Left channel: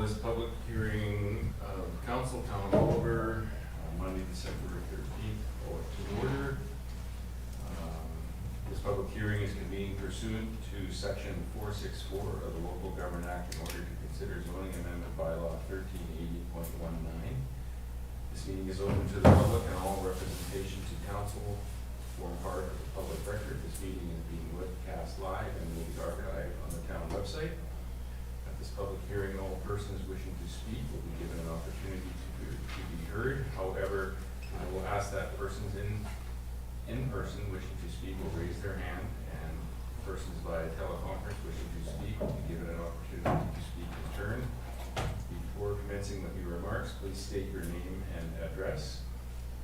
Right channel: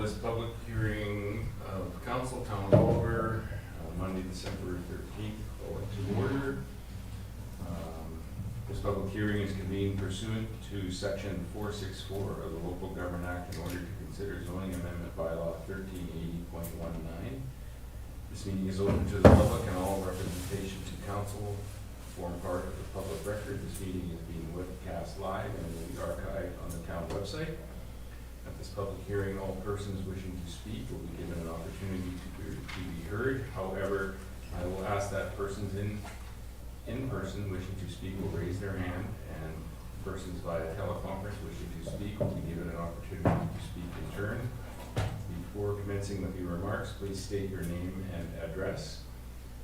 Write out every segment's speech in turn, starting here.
This public hearing of Council Town Over Monday, December 13th, to order. This public hearing is convened pursuant to Section 464 of the Local Government Act in order to consider Zoning Amendment Bylaw 1380.19. This meeting is open to the public and all representation to Council form part of the public record. This meeting is being webcast live and will be archived on the town website. At this public hearing, all persons wishing to speak will be given an opportunity to be heard. However, I will ask that persons in person wishing to speak will raise their hand, and persons via teleconference wishing to speak will be given an opportunity to speak in turn. Before commencing with your remarks, please state your name and address.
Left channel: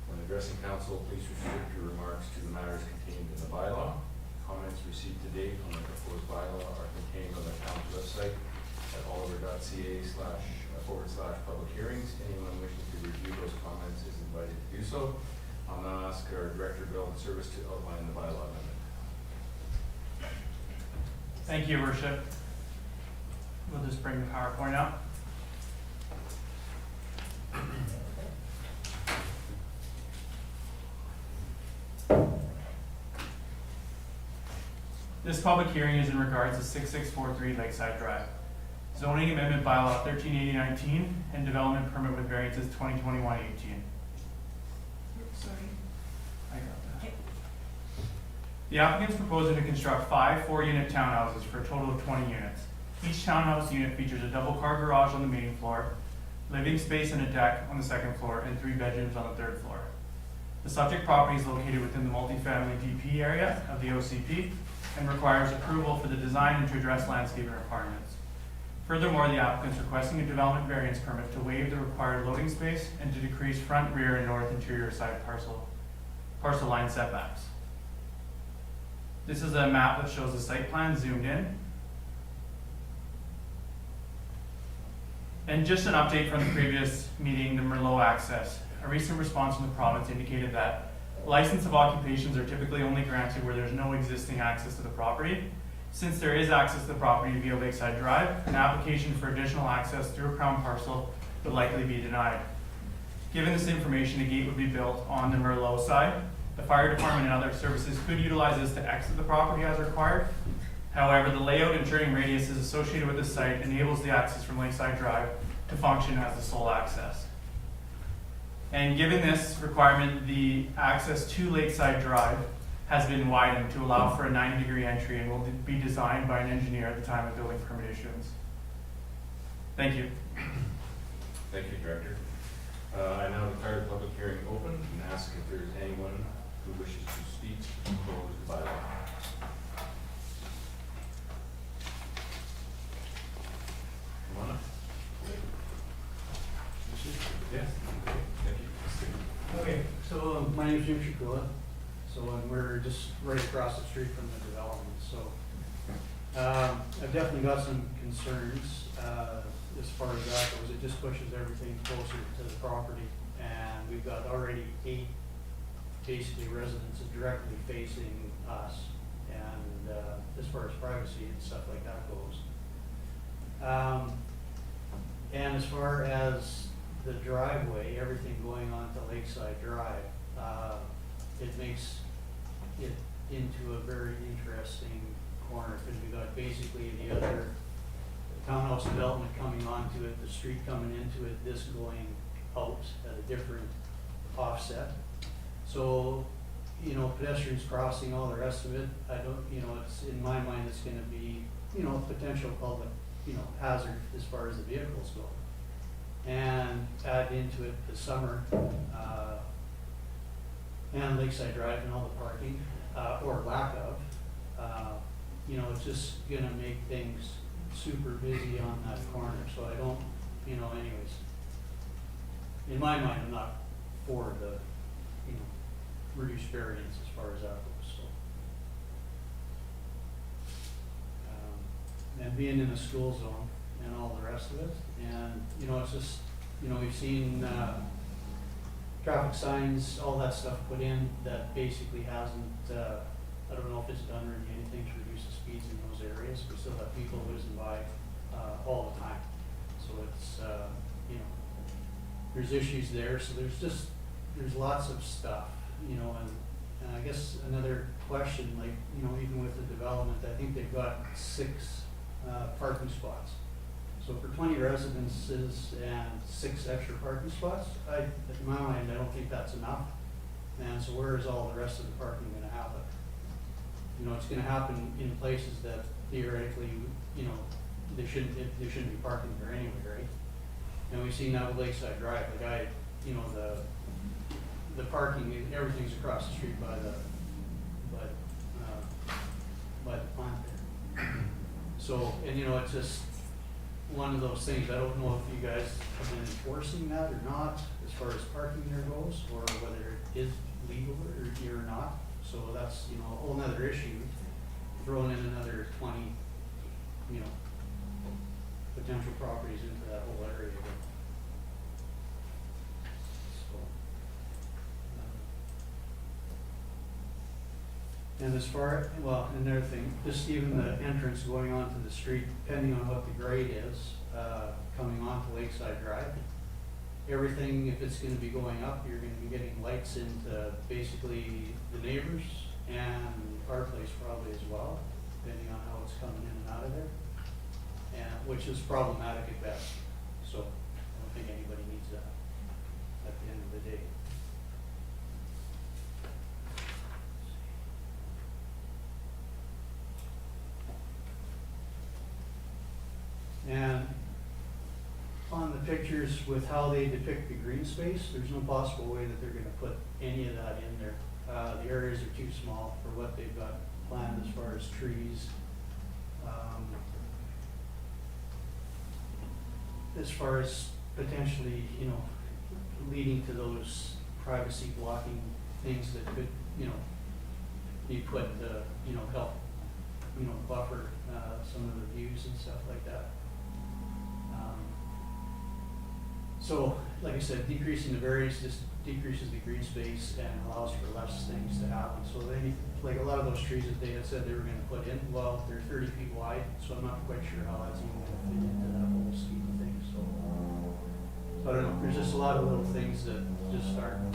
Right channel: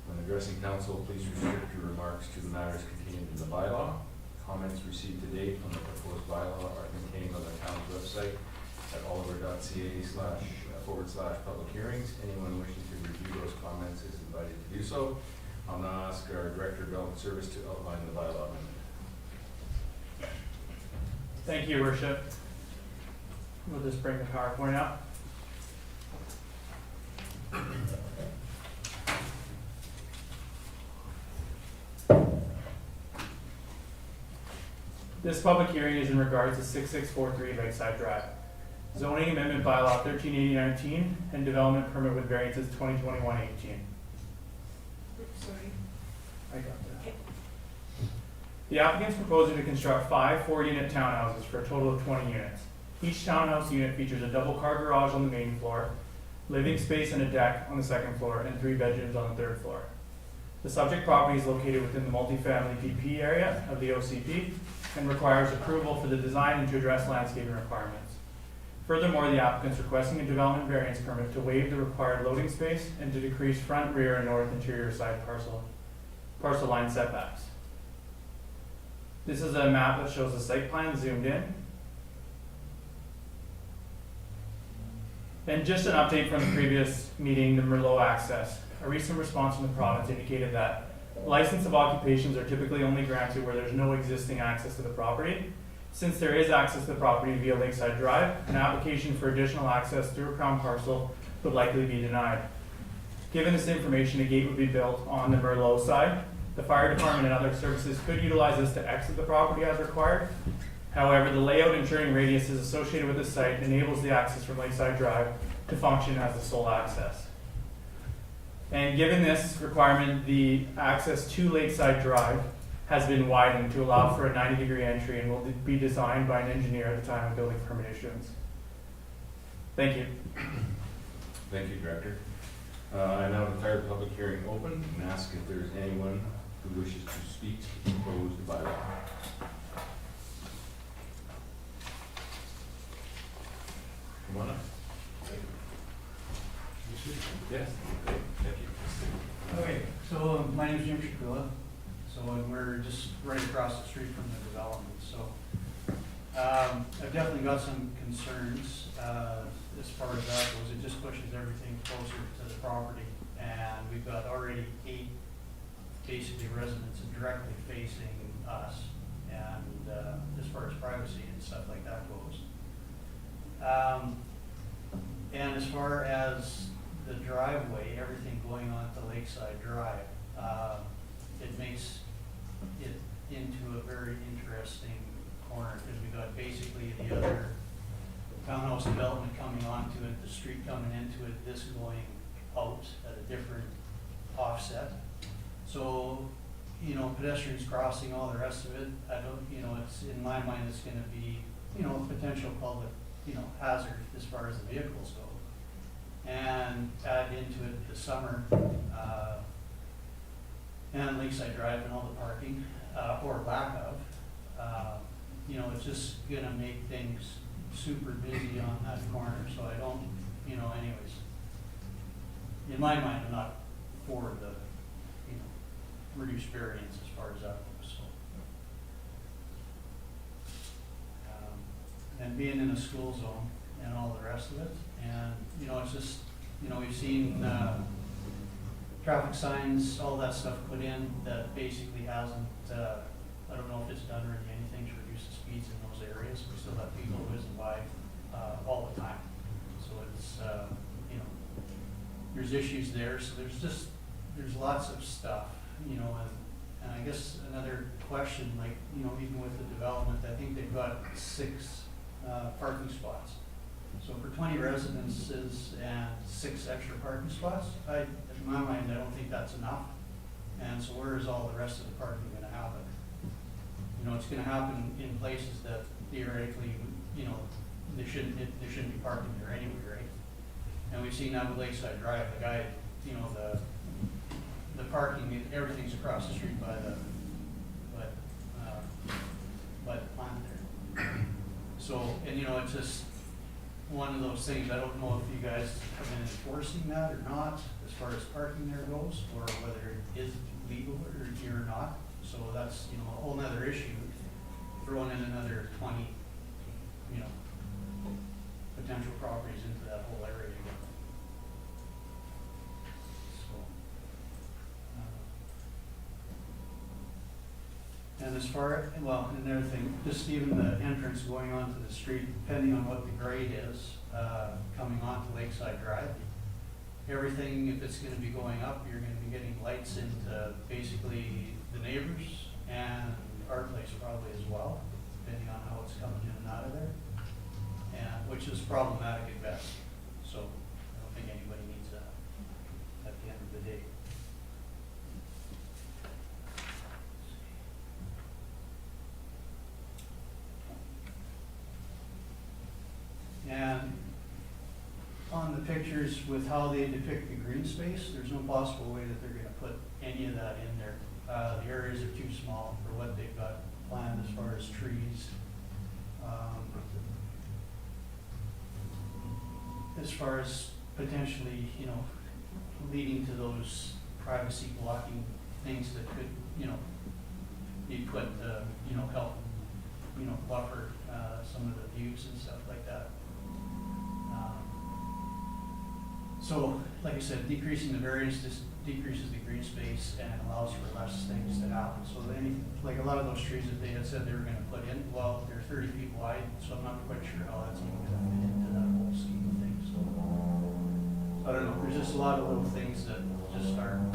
When addressing council, please restrict your remarks to the matters contained in the bylaw. Comments received to date on the proposed bylaw are contained on the town's website at oliver.ca//public hearings. Anyone wishing to review those comments is invited to do so. I'll now ask our Director of Development Service to outline the bylaw amendment. Thank you, Your Worship. We'll just bring the PowerPoint up. This public hearing is in regards to 6643 Lakeside Drive. Zoning Amendment Bylaw 1380.19 and Development Permit with Variances 2021-18. Sorry. I got that. The applicant is proposing to construct 5 4-unit townhouses for a total of 20 units. Each townhouse unit features a double-car garage on the main floor, living space and a deck on the second floor, and 3 bedrooms on the third floor. The subject property is located within the multifamily DP area of the OCP and requires approval for the design and to address landscaping requirements. Furthermore, the applicant is requesting a development variance permit to waive the required loading space and to decrease front, rear, and north interior side parcel line setbacks. This is a map that shows the site plan zoomed in. And just an update from the previous meeting, the Merlot access. A recent response from the province indicated that license of occupations are typically only granted where there's no existing access to the property. Since there is access to the property via Lakeside Drive, an application for additional access through a crown parcel would likely be denied. Given this information, a gate would be built on the Merlot side. The fire department and other services could utilize this to exit the property as required. However, the layout and turning radiuses associated with the site enables the access from Lakeside Drive to function as the sole access. And given this requirement, the access to Lakeside Drive has been widened to allow for a 90-degree entry and will be designed by an engineer at the time of building permit issuance. Thank you. Thank you, Director. I now declare the public hearing open and ask if there's anyone who wishes to speak to propose the bylaw. Come on up. Yes. Okay, so my name is Jim Shakula. So we're just right across the street from the development. So I've definitely got some concerns as far as that goes. It just pushes everything closer to the property, and we've got already 8 basically residents directly facing us, and as far as privacy and stuff like that goes. And as far as the driveway, everything going on to Lakeside Drive, it makes it into a very interesting corner, because we got basically the other townhouse development coming onto it, the street coming into it, this going out at a different offset. So, you know, pedestrians crossing, all the rest of it, I don't, you know, it's, in my mind, it's gonna be, you know, potential public, you know, hazard as far as the vehicles go. And add into it the summer, and Lakeside Drive and all the parking. or lack of, you know, it's just gonna make things super busy on that corner, so I don't, you know, anyways. In my mind, I'm not for the, you know, reduced variance as far as that goes, so. And being in a school zone and all the rest of it, and, you know, it's just, you know, we've seen, traffic signs, all that stuff put in that basically hasn't, I don't know if it's done really anything to reduce the speeds in those areas. We still have people whizzing by, all the time. So it's, you know, there's issues there, so there's lots of stuff, you know, and I guess another question, like, you know, even with the development, I think they've got 6, parking spots. So for 20 residences and 6 extra parking spots, in my mind, I don't think that's enough. And so where is all the rest of the parking gonna happen? You know, it's gonna happen in places that theoretically, you know, they shouldn't be parking there anyway, right? And we've seen that with Lakeside Drive, the guy, you know, the parking, everything's across the street by the plant there. So, and you know, it's just one of those things, I don't know if you guys have been enforcing that or not, as far as parking there goes, or whether it is legal or not. So that's, you know, a whole nother issue, throwing in another 20, you know, potential properties into that whole area again. So, and as far, well, another thing, just even the entrance going onto the street, depending on what the grade is, coming onto Lakeside Drive, everything, if it's gonna be going up, you're gonna be getting lights into basically the neighbors and our place probably as well, depending on how it's coming in and out of there, and which is problematic at best. So I don't think anybody needs that at the end of the day. And on the pictures with how they depict the green space, there's no possible way that they're gonna put any of that in there. The areas are too small for what they've got planned as far as trees. As far as potentially, you know, leading to those privacy blocking things that could, you know, be put, you know, help, you know, buffer, some of the views and stuff like that. So, like I said, decreasing the variance just decreases the green space and allows for less things to happen. So then, like a lot of those trees that they had said they were gonna put in, well, they're 30 feet wide, so I'm not quite sure how that's even gonna fit into that whole scheme of things, so. I don't know, there's just a lot of little things that just aren't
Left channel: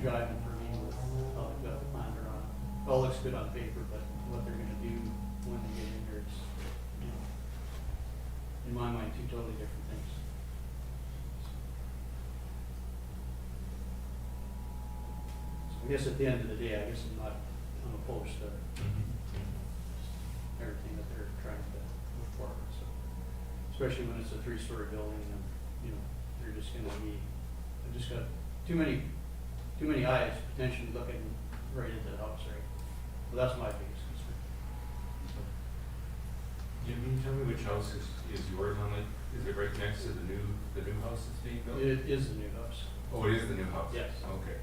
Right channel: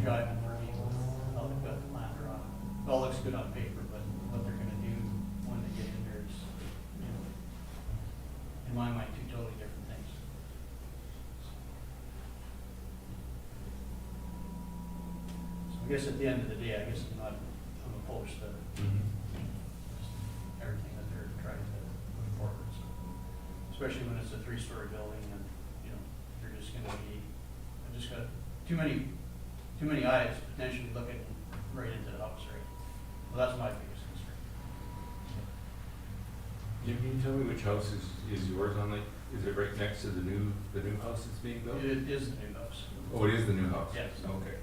jiving for me with how they've got the plan drawn. It all looks good on paper, but what they're gonna do when they get in there is, you know, in my mind, 2 totally different things. I guess at the end of the day, I'm opposed to everything that they're trying to move forward, so. Especially when it's a 3-story building and, you know, they're just gonna be, I've just got too many eyes potentially looking right into the house, right? Well, that's my biggest concern. Jim, can you tell me which house is yours on the, is it right next to the new house that's being built? It is the new house. Oh, it is the new house? Yes. Okay.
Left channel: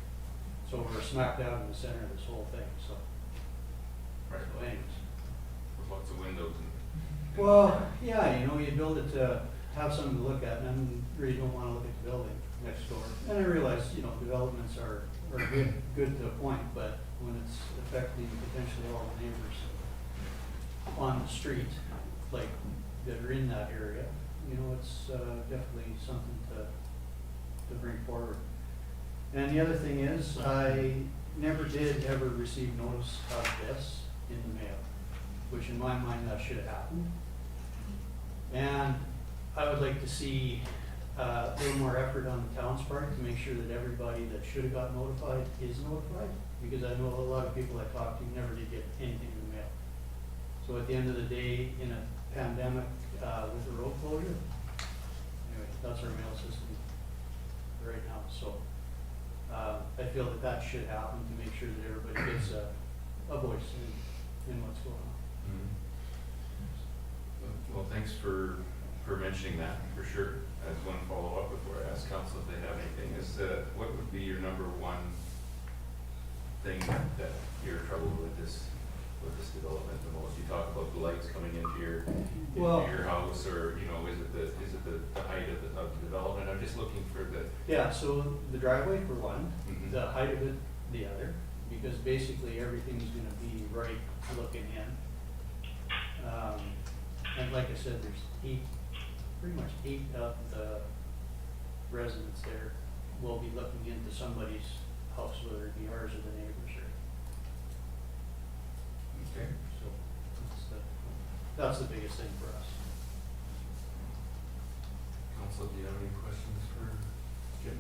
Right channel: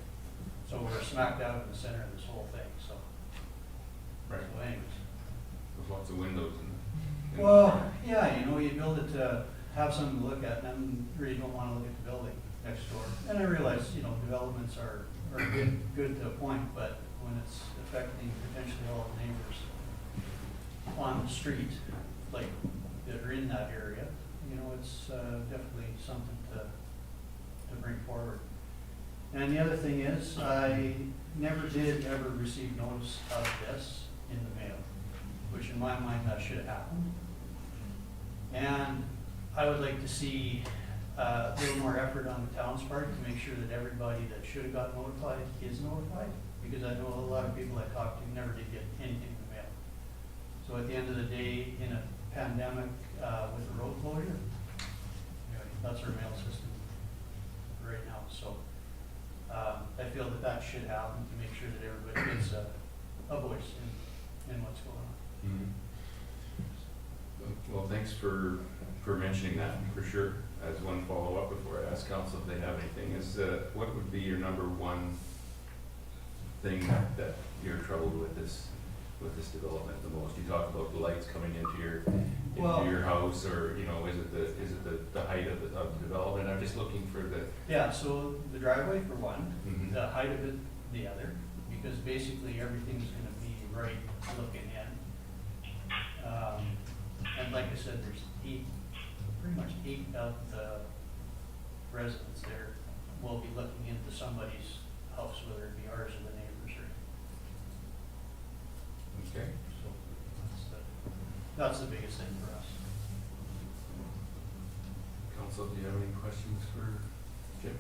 So we're smack dab in the center of this whole thing, so. Right. So anyways. With lots of windows and. Well, yeah, you know, you build it to have something to look at, and then really don't wanna look at the building next door. And I realize, you know, developments are good to a point, but when it's affecting potentially all the neighbors on the street, like, that are in that area, you know, it's, definitely something to bring forward. And the other thing is, I never did ever receive notice of this in the mail, which in my mind, that should have happened. And I would like to see a little more effort on the town's part to make sure that everybody that should have got notified is notified, because I know a lot of people I talked to never did get anything in the mail. So at the end of the day, in a pandemic, with a road closure, anyway, that's our mail system right now, so. I feel that should happen to make sure that everybody gets a a voice in what's going on. Mhm. Well, thanks for mentioning that, for sure. As one follow-up before I ask council if they have anything, is what would be your number one thing that you're troubled with this development the most? You talk about the lights coming into Well- your house, or, you know, is it the height of the development? I'm just looking for the, Yeah, so the driveway for one, Mhm. the height of it the other, because basically everything's gonna be right looking in. And like I said, there's pretty much eight of the residents there will be looking into somebody's house, whether it be ours or the neighbor's, or, okay? so that's the biggest thing for us. Council, do you have any questions for Jim?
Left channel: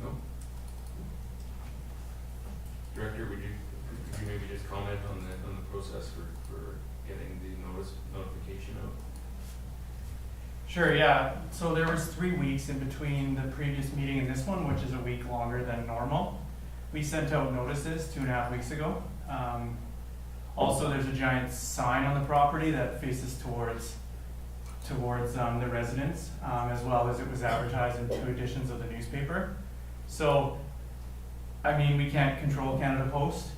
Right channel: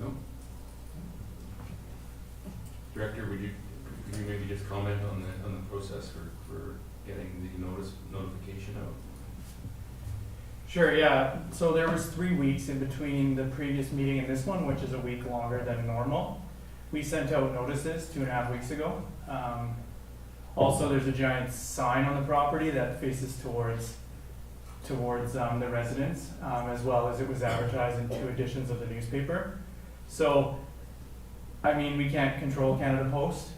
No? Director, would you maybe just comment on the process for getting the notification out? Sure, yeah. So there was 3 weeks in between the previous meeting and this one, which is a week longer than normal. We sent out notices 2.5 weeks ago. Also, there's a giant sign on the property that faces towards the residents, as well as it was advertised in 2 editions of the newspaper. So, I mean, we can't control Canada Post.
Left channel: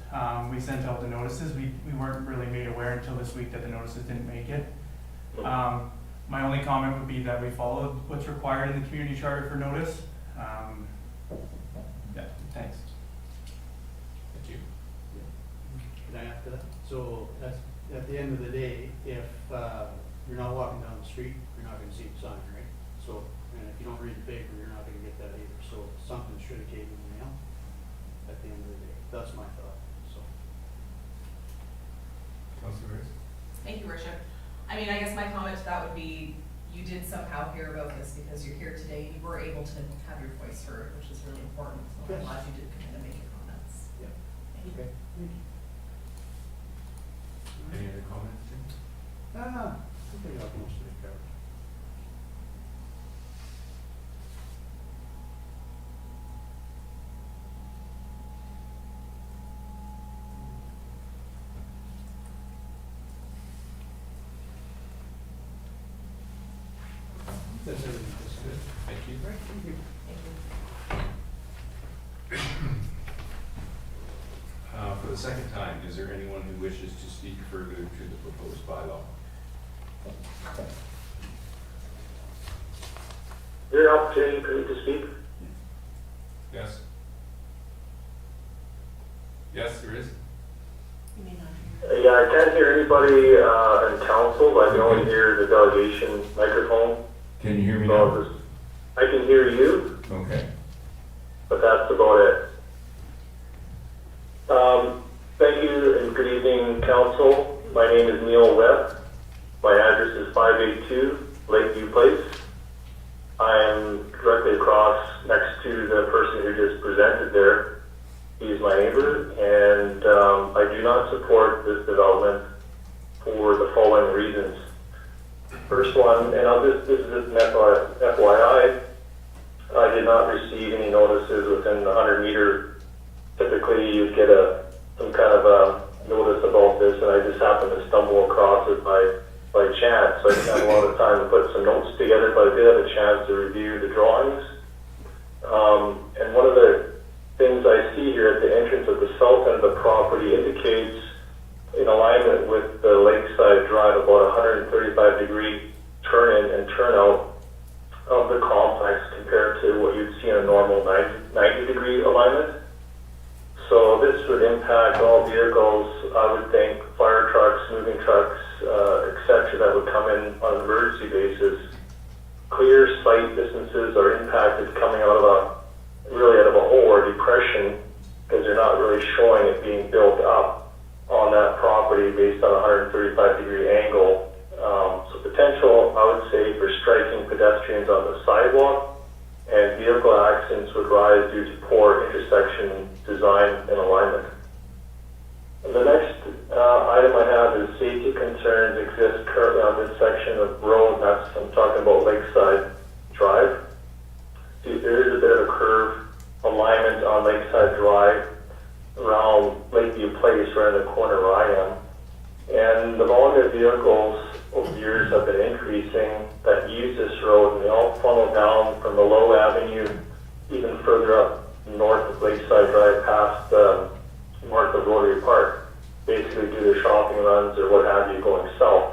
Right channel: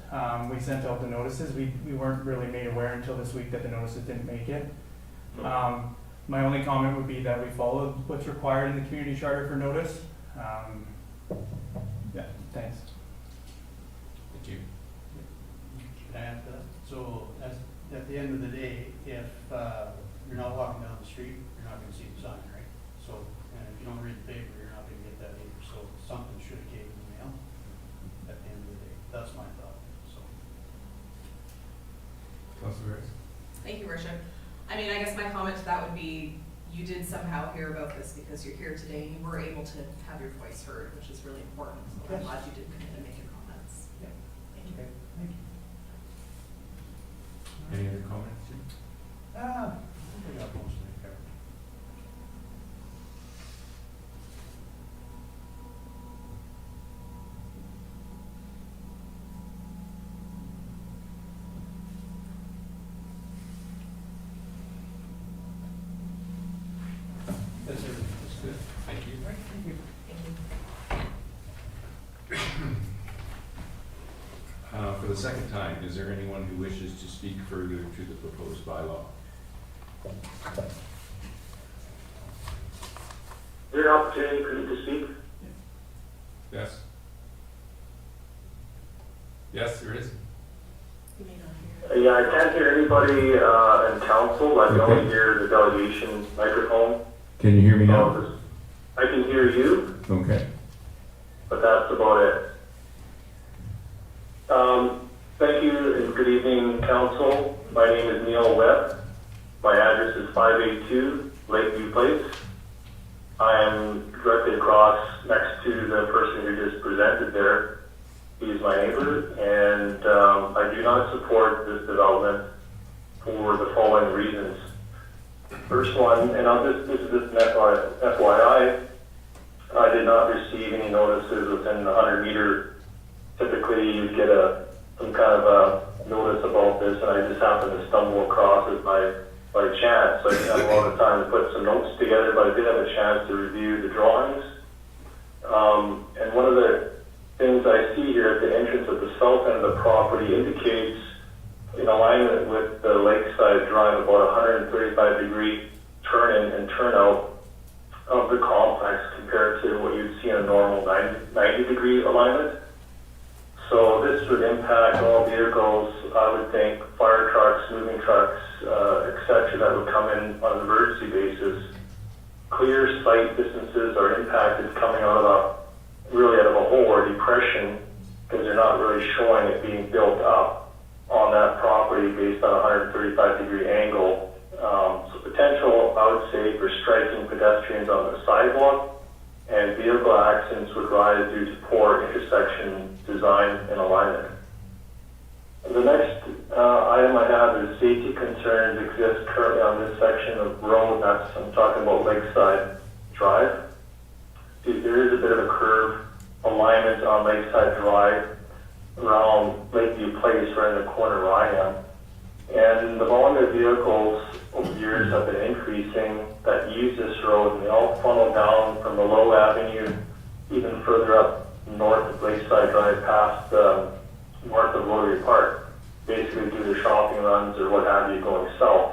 We sent out the notices. We weren't really made aware until this week that the notices didn't make it. My only comment would be that we followed what's required in the community charter for notice. Yeah, thanks. Thank you. Can I add to that? So at the end of the day, if you're not walking down the street, you're not gonna see the sign, right? So, and if you don't read the paper, you're not gonna get that either. So something should have came in the mail at the end of the day. That's my thought, so. Councilor Rice? Thank you, Worship. I mean, I guess my comment to that would be, you did somehow hear about this because you're here today. You were able to have your voice heard, which is really important. So Yes. I'm glad you did come in and make your comments. Yeah. Thank you. Okay, thank you. Any other comments, Jim? I think I got most of it covered. That's everything, that's good. Thank you. Right, thank you. Thank you. For the second time, is there anyone who wishes to speak further to the proposed bylaw? Your opportunity for me to speak. Yes? Yes, there is. You may not hear. Yeah, I can't hear anybody in council. I can only hear the delegation microphone. Can you hear me So I can hear you, Okay. but that's about it. Thank you and good evening, council. My name is Neil Webb. My address is 582 Lakeview Place. I am directly across next to the person who just presented there. He is my neighbor, and I do not support this development for the following reasons. First one, and this is just an FYI, I did not receive any notices within the 100-meter. Typically, you'd get some kind of a notice about this, and I just happened to stumble across it by chance. So I didn't have a lot of time to put some notes together, but I did have a chance to review the drawings. And one of the things I see here at the entrance of the south end of the property indicates, in alignment with the Lakeside Drive, about 135-degree turn-in and turn-out of the complex compared to what you'd see in a normal 90-degree alignment. So this would impact all vehicles, I would think, fire trucks, moving trucks, etc., that would come in on an emergency basis. Clear sight distances are impacted coming out of a hole or depression, because they're not really showing it being built up on that property based on a 135-degree angle. So potential, I would say, for striking pedestrians on the sidewalk, and vehicle accidents would rise due to poor intersection design and alignment. The next item I have is safety concerns exist currently on this section of road. I'm talking about Lakeside Drive. There is a bit of a curve alignment on Lakeside Drive around Lakeview Place, right in the corner where I am. And the volume of vehicles over the years have been increasing that use this road, and they all funnel down from the Low Avenue, even further up north of Lakeside Drive past north of Rotary Park, basically do their shopping runs or what have you going south.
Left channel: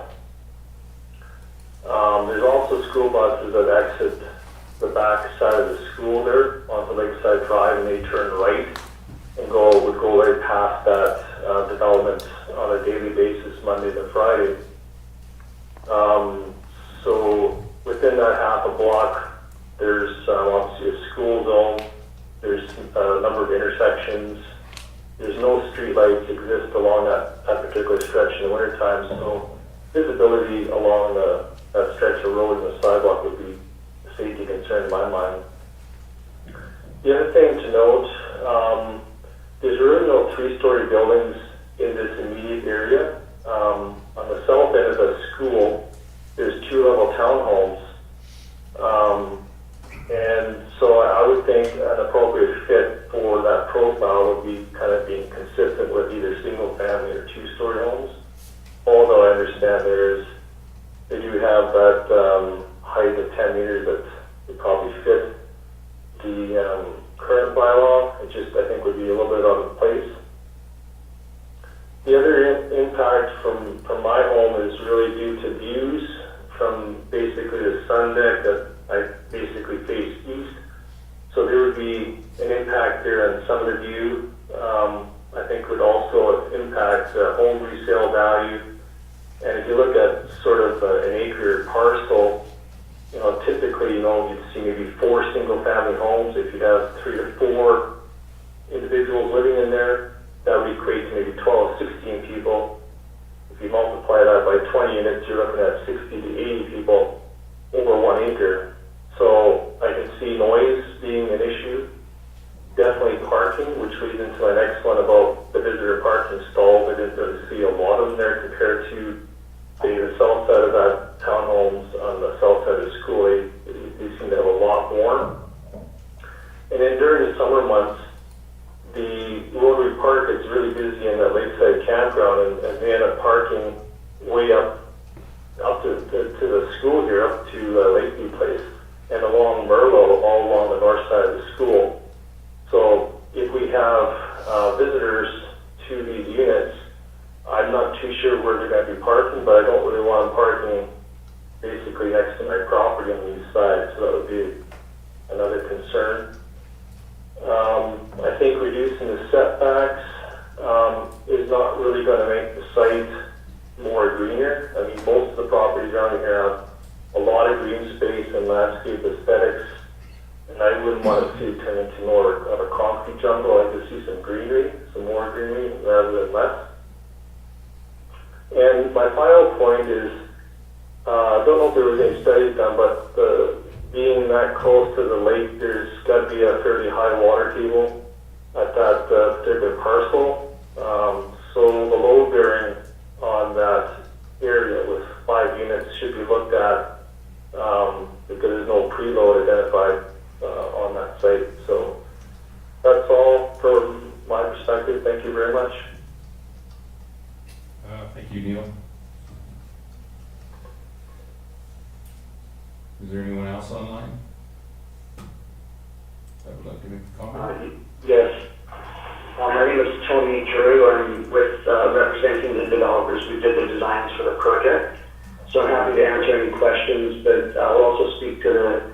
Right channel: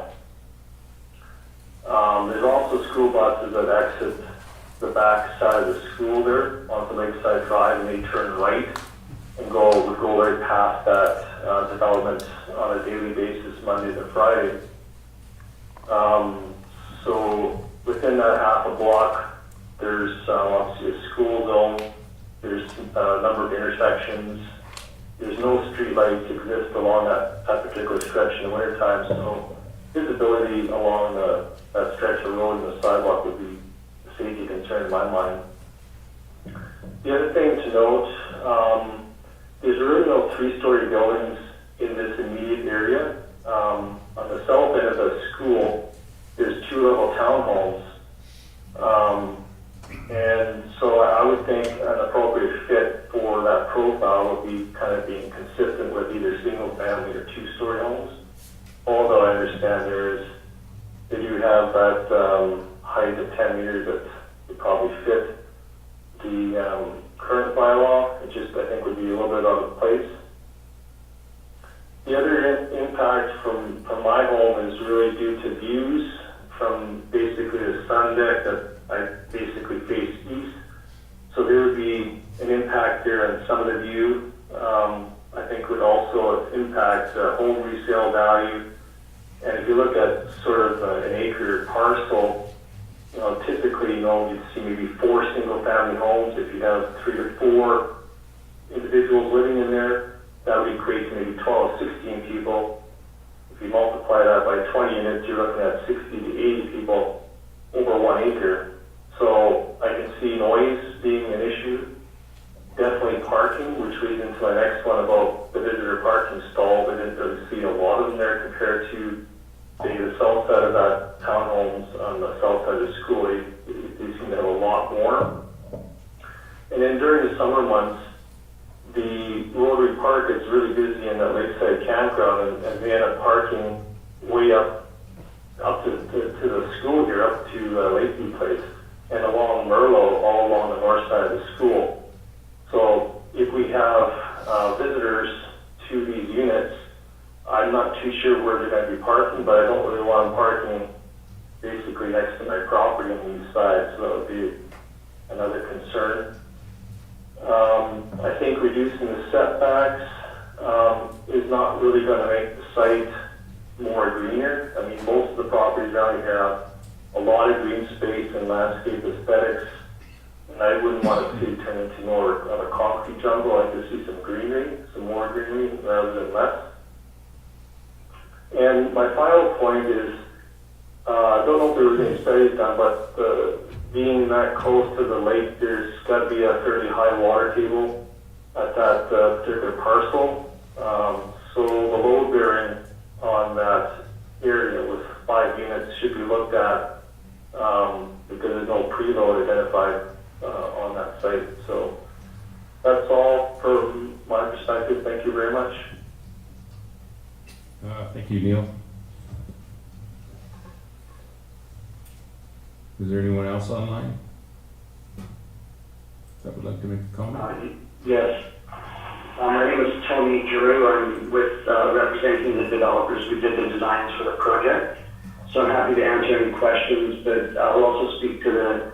There's also school buses that exit the back side of the school there onto Lakeside Drive, and they turn right and would go right past that development on a daily basis, Monday to Friday. So within that half a block, there's obviously a school zone. There's a number of intersections. There's no street lights exist along that particular stretch in the wintertime, so visibility along that stretch of road and the sidewalk would be a safety concern in my mind. The other thing to note, there's really no three-story buildings in this immediate area. On the south end of the school, there's two-level townhomes. And so I would think an appropriate fit for that profile would be kind of being consistent with either single-family or two-story homes. Although I understand they do have that height of 10 meters that would probably fit the current bylaw. It just, I think, would be a little bit out of place. The other impact from my home is really due to views from basically the sun deck that I basically face east. So there would be an impact there on some of the view. I think would also impact home resale value. And if you look at sort of an acre parcel, typically, you'd see maybe 4 single-family homes. If you have 3 to 4 individuals living in there, that would equate to maybe 12, 16 people. If you multiply that by 20 units, you're looking at 60 to 80 people over 1 acre. So I can see noise being an issue. Definitely parking, which leads into my next one about the visitor parking stalls. I didn't really see a lot of them there compared to the south side of that townhomes on the south side of the school. They seem to have a lot more. And then during the summer months, the Rotary Park is really busy in that Lakeside campground, and they end up parking way up to the school here, up to Lakeview Place, and along Merlot, all along the north side of the school. So if we have visitors to these units, I'm not too sure where they're going to be parking, but I don't really want them parking basically next to my property on the east side, so that would be another concern. I think reducing the setbacks is not really going to make the site more greener. I mean, most of the properties around here have a lot of green space and landscape aesthetics, and I wouldn't want to see it turn into more of a concrete jungle. I'd like to see some greenery, some more greenery rather than less. And my final point is, I don't know if there was any studies done, but being that close to the lake, there's got to be a fairly high water table at that particular parcel. So the load bearing on that area with 5 units should be looked at because there's no preload identified on that site. So that's all from my perspective. Thank you very much. Thank you, Neil. Is there anyone else online that would like to make a comment? Yes. My name is Tony Drew. I'm with representing the developers who did the designs for the project. So I'm happy to answer any questions, but I'll also speak to the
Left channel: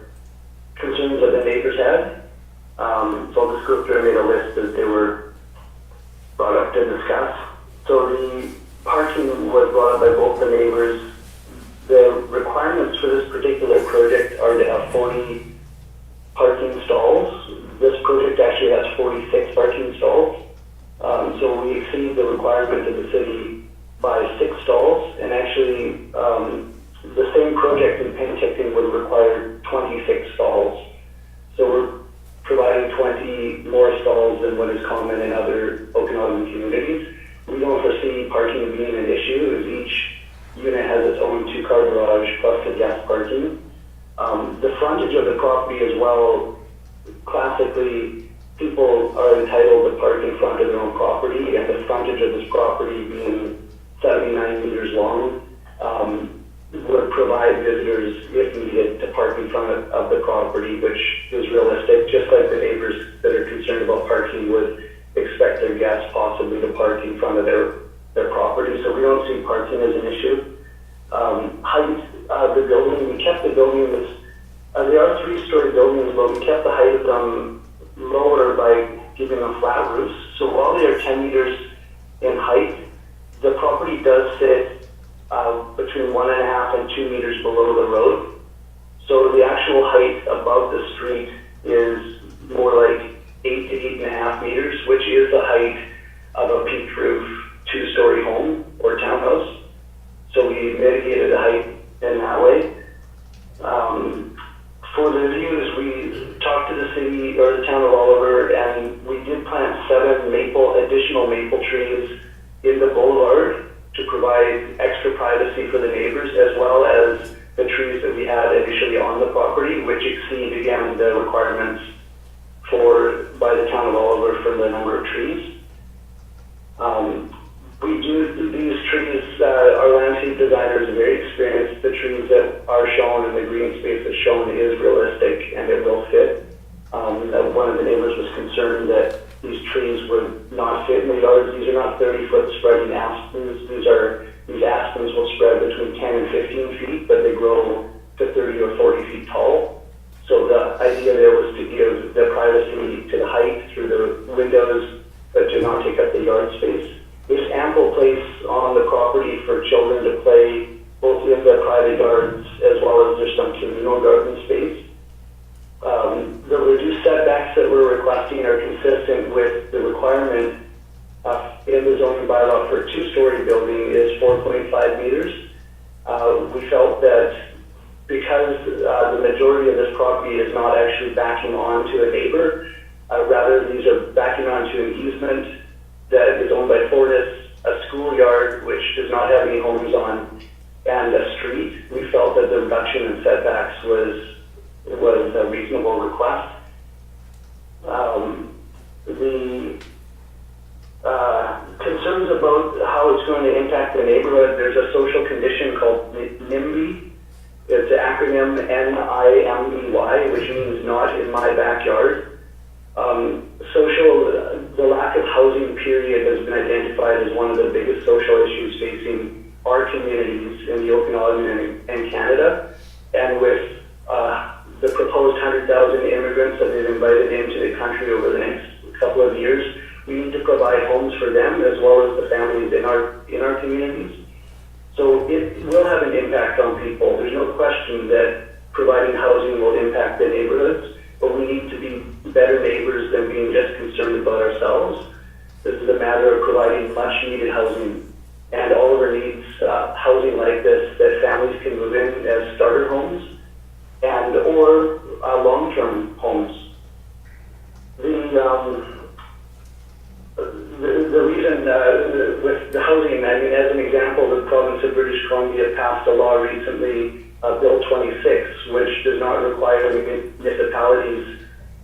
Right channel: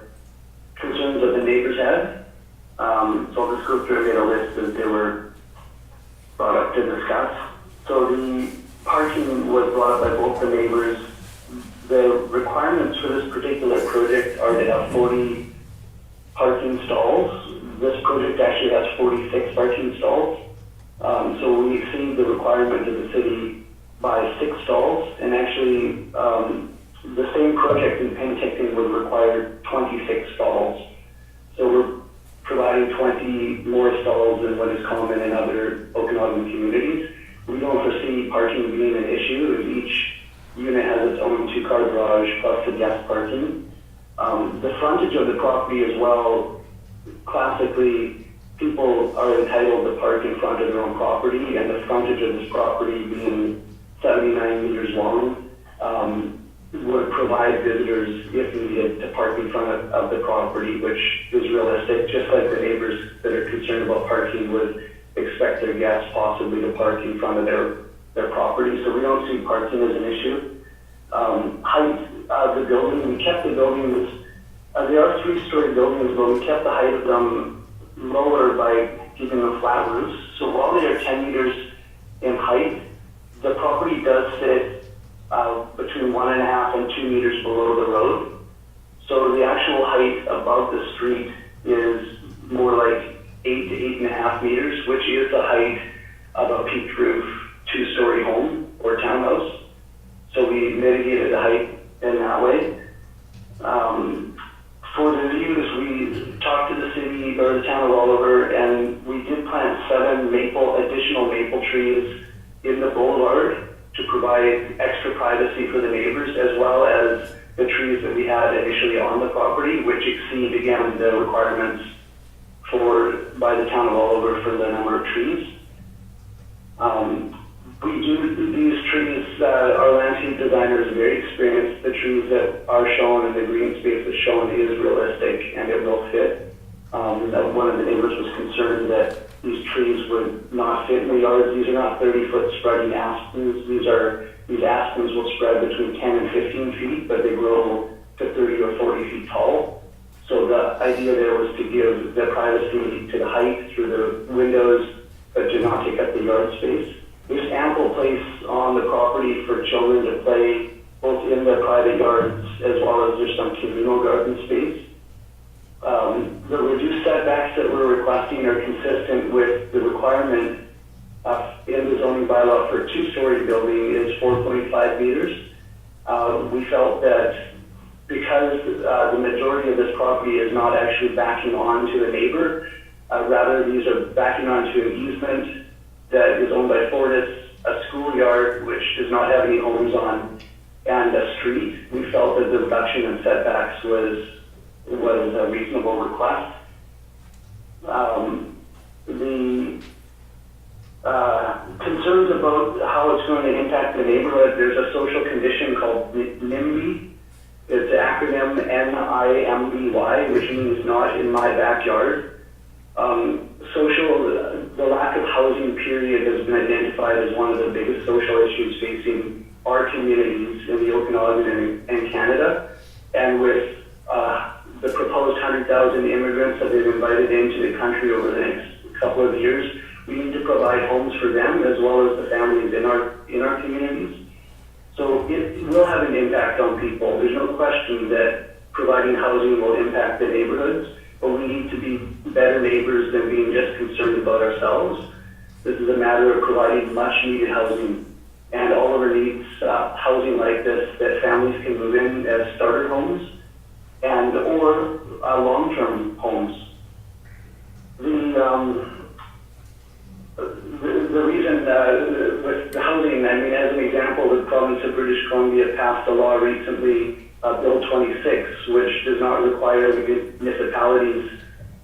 concerns that the neighbors had. So I'll just go through and get a list as they were brought up to discuss. So the parking was brought up by both the neighbors. The requirements for this particular project are to have 40 parking stalls. This project actually has 46 parking stalls. So we exceed the requirement of the city by 6 stalls. And actually, the same project in Penticton would require 26 stalls. So we're providing 20 more stalls than what is common in other Okanagan communities. We don't foresee parking being an issue, as each unit has its own 2-car garage plus the guest parking. The frontage of the property as well classically people are entitled to park in front of their own property, and the frontage of this property being 79 meters long, would provide visitors, if needed, to park in front of the property, which is realistic, just like the neighbors that are concerned about parking would expect their guests possibly to park in front of their property. So we don't see parking as an issue. Height of the building, we kept the buildings, they are 3-story buildings, but we kept the height of them lower by giving them flat roofs. So while they are 10 meters in height, the property does sit between 1.5 and 2 meters below the road. So the actual height above the street is more like 8 to 8.5 meters, which is the height of a peaked roof 2-story home or townhouse. So we mitigated the height in that way. For the views, we talked to the city or the town of Oliver, and we did plant 7 additional maple trees in the boulevard to provide extra privacy for the neighbors, as well as the trees that we had initially on the property, which exceed, again, the requirements by the town of Oliver for the number of trees. These trees, our landscape designer is very experienced. The trees that are shown and the green space that's shown is realistic and it will fit. One of the neighbors was concerned that these trees would not fit in the yards. These are not 30-foot spreading aspens. These aspens will spread between 10 and 15 feet, but they grow to 30 or 40 feet tall. So the idea there was to give the privacy to the height through the windows, but to not take up the yard space. There's ample place on the property for children to play, both in the private yards as well as there's some communal garden space. The reduced setbacks that we're requesting are consistent with the requirement in the zoning bylaw for a 2-story building is 4.5 meters. We felt that because the majority of this property is not actually backing onto a neighbor, rather these are backing onto an easement that is owned by Fortis, a schoolyard which does not have any homes on, and a street, we felt that the reduction in setbacks was a reasonable request. The concerns about how it's going to impact the neighborhood, there's a social condition called NIMBY. It's an acronym NIMBY, which means not in my backyard. The lack of housing period has been identified as one of the biggest social issues facing our communities in the Okanagan and Canada. And with the proposed 100,000 immigrants that they've invited into the country over the next couple of years, we need to provide homes for them as well as the families in our communities. So it will have an impact on people. There's no question that providing housing will impact the neighborhoods, but we need to be better neighbors than being just concerned about ourselves. This is a matter of providing much needed housing, and Oliver needs housing like this that families can move in as starter homes and or long-term homes. The reason with the housing, I mean, as an example, the province of British Columbia passed a law recently, Bill 26, which does not require municipalities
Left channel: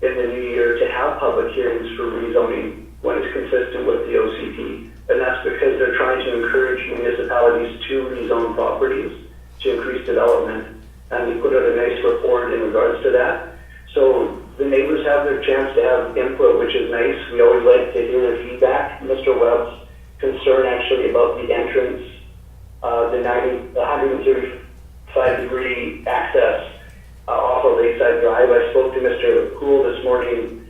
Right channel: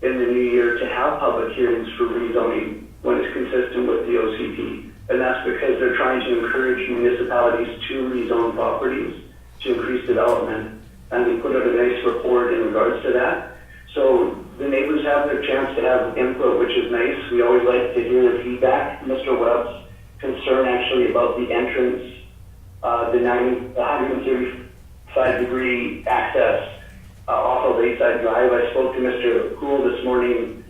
in the new year to have public hearings for rezoning when it's consistent with the OCP. And that's because they're trying to encourage municipalities to rezone properties to increase development. And we put out a nice report in regards to that. So the neighbors have their chance to have input, which is nice. We always like to hear their feedback. Mr. Webb's concern actually about the entrance, the 135-degree access off of Lakeside Drive. I spoke to Mr. Poole this morning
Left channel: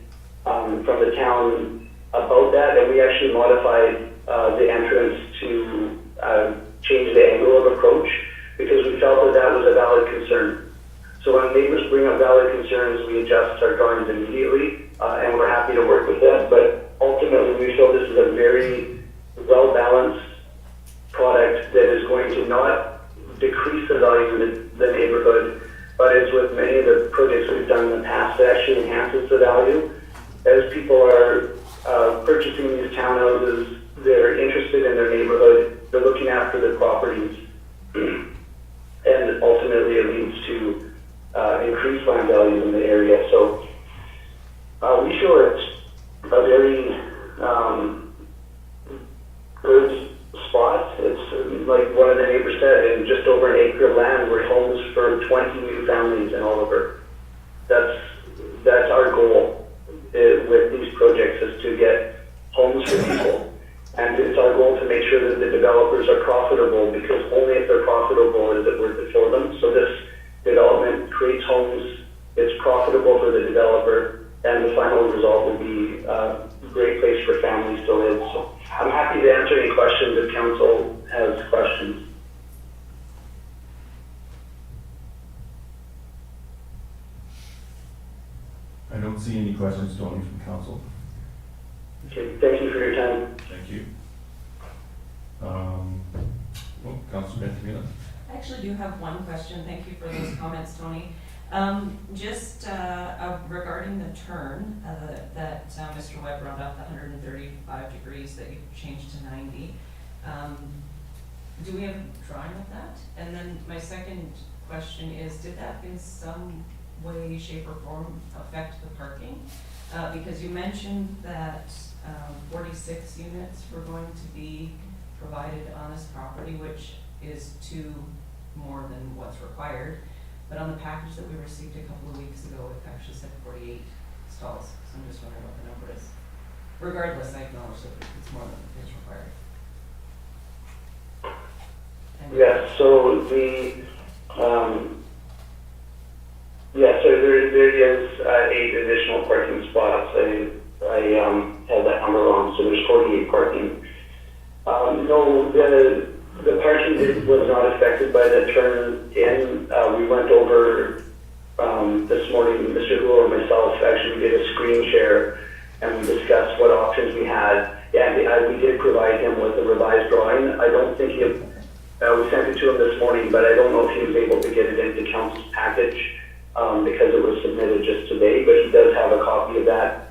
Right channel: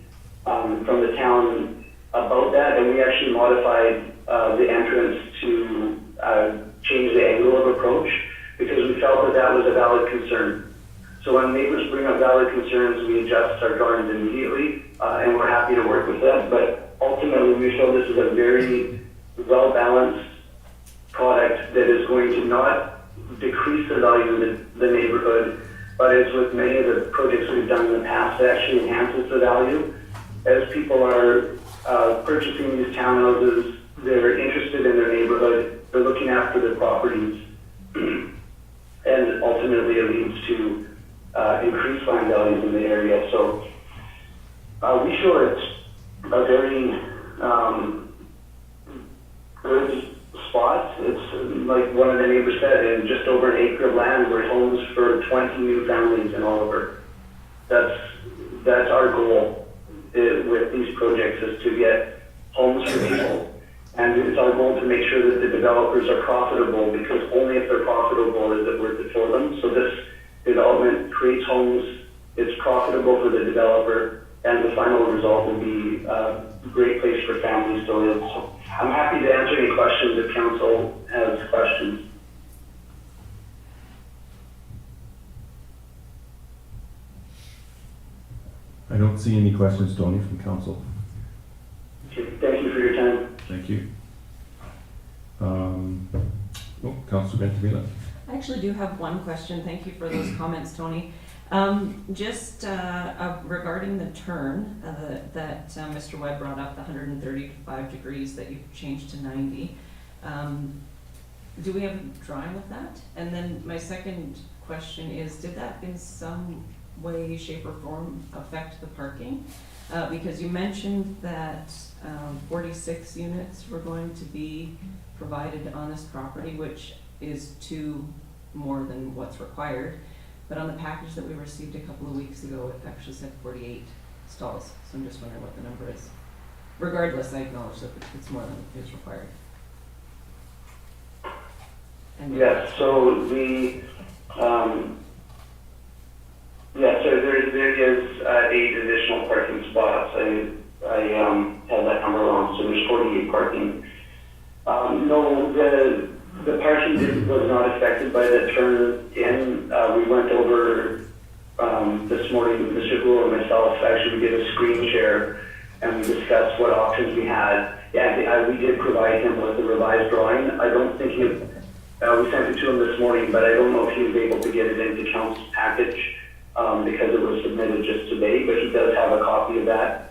from the town about that, and we actually modified the entrance to change the angle of approach because we felt that that was a valid concern. So when neighbors bring up valid concerns, we adjust our drawings immediately, and we're happy to work with that. But ultimately, we feel this is a very well-balanced product that is going to not decrease the value of the neighborhood, but as with many of the projects we've done in the past, it actually enhances the value. As people are purchasing these townhouses, they're interested in their neighborhood, they're looking after their properties, and ultimately it leads to increased land values in the area. So we feel a very good spot. It's like one of the neighbors said, in just over an acre of land, we're homes for 20 new families in Oliver. That's our goal with these projects, is to get homes for people. And it's our goal to make sure that the developers are profitable, because only if they're profitable is it worth it for them. So this development creates homes, it's profitable for the developer, and the final result will be a great place for families to live. So I'm happy to answer any questions if council has questions. I don't see any questions, Tony, from council. Okay, thank you for your time. Thank you. Councilor Bentamila. I actually do have one question. Thank you for those comments, Tony. Just regarding the turn that Mr. Webb brought up, the 135 degrees that you've changed to 90. Do we have a drawing of that? And then my second question is, did that in some way, shape, or form affect the parking? Because you mentioned that 46 units were going to be provided on this property, which is 2 more than what's required. But on the package that we received a couple of weeks ago, it actually said 48 stalls. So I'm just wondering what the number is. Regardless, I acknowledge that it's more than is required. And Yes, so so there is 8 additional parking spots. I had that number wrong, so there's 48 parking. No, the parking was not affected by the turn in. We went over this morning, Mr. Gould and myself, actually we did a screen share and we discussed what options we had. Yeah, we did provide him with a revised drawing. I don't think we sent it to him this morning, but I don't know if he was able to get it into council's package because it was submitted just today, but he does have a copy of that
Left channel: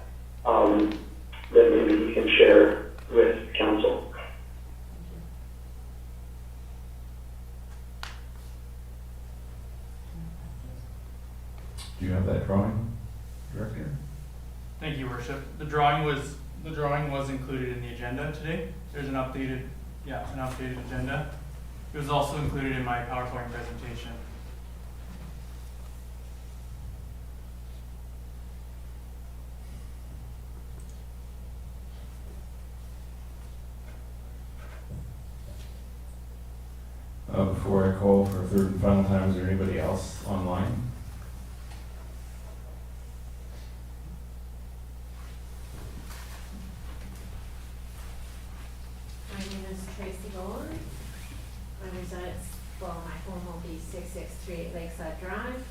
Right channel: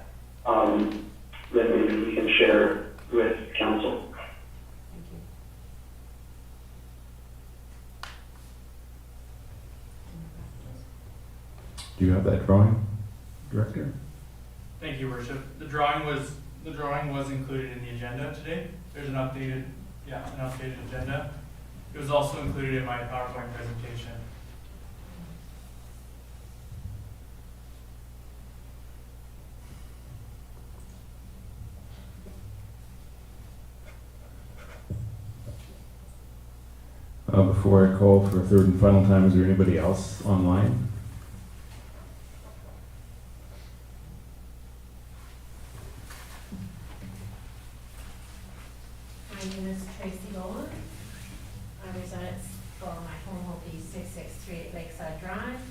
that maybe he can share with council. Do you have that drawing, Director? Thank you, Worship. The drawing was included in the agenda today. There's an updated agenda. It was also included in my PowerPoint presentation. Before I call for a third and final time, is there anybody else online? My name is Tracy Golan. I reside at, my home will be 6638 Lakeside Drive.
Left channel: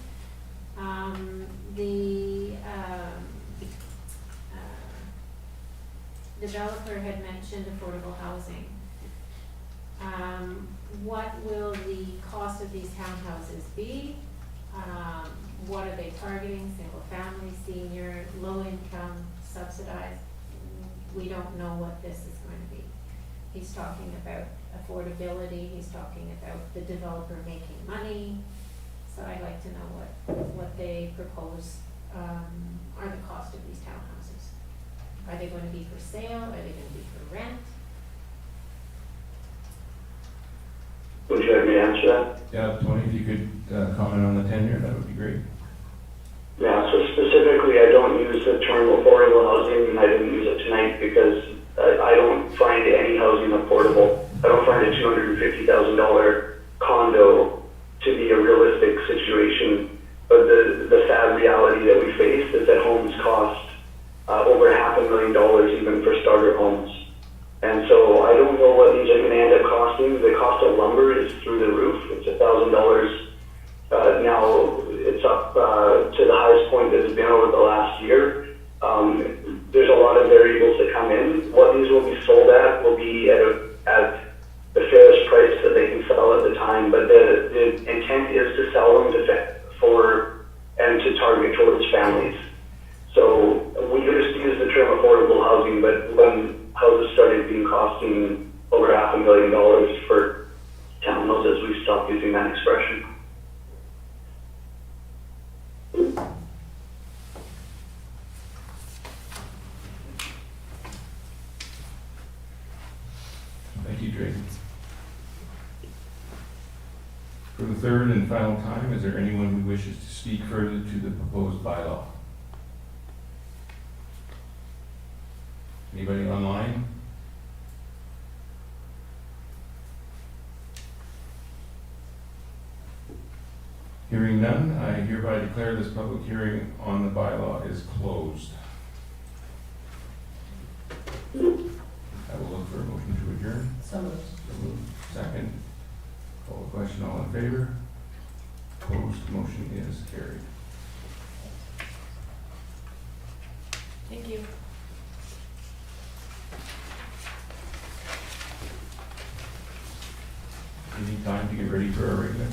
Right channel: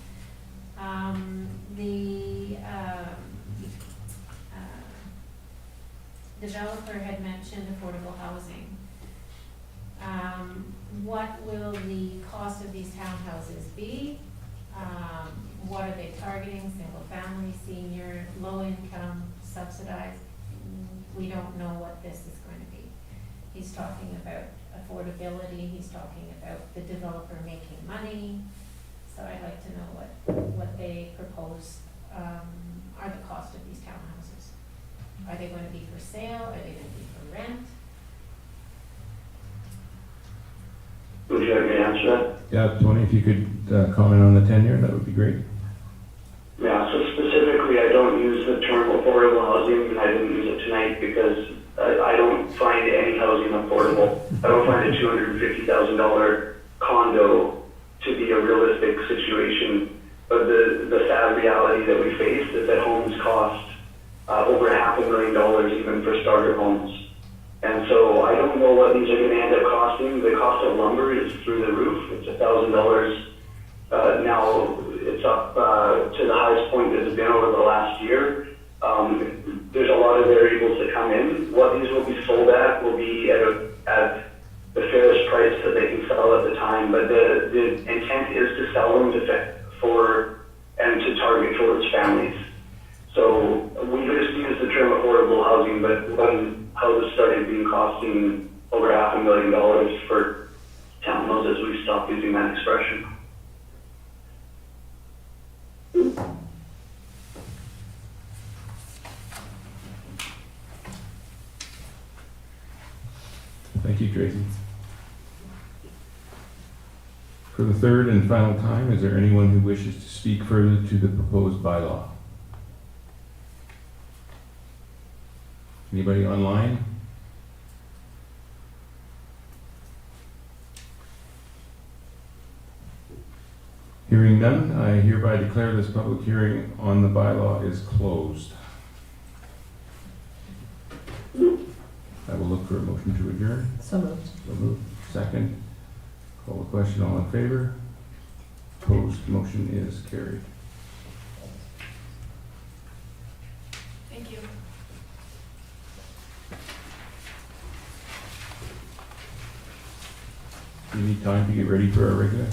The developer had mentioned affordable housing. What will the cost of these townhouses be? What are they targeting? Single family, senior, low income, subsidized? We don't know what this is going to be. He's talking about affordability, he's talking about the developer making money. So I'd like to know what they propose are the cost of these townhouses. Are they going to be for sale? Are they going to be for rent? Would you like me to answer that? Yeah, Tony, if you could comment on the tenure, that would be great. Yeah, so specifically, I don't use the term affordable housing, and I didn't use it tonight because I don't find any housing affordable. I don't find a $250,000 condo to be a realistic situation. But the sad reality that we face is that homes cost over $500,000 even for starter homes. And so I don't know what these are going to end up costing. The cost of lumber is through the roof. It's $1,000. Now it's up to the highest point that it's been over the last year. There's a lot of variables that come in. What these will be sold at will be at the fairest price that they can sell at the time. But the intent is to sell them and to target towards families. So we just use the term affordable housing, but when houses started costing over $500,000 for townhouses, we stopped using that expression. For the third and final time, is there anyone who wishes to speak further to the proposed bylaw? Anybody online? Hearing none, I hereby declare this public hearing on the bylaw is closed. I will look for a motion to adjourn. So moved. So moved. Second. Call the question, all in favor? Opposed, motion is carried. Thank you. Do you need time to get ready for our regular?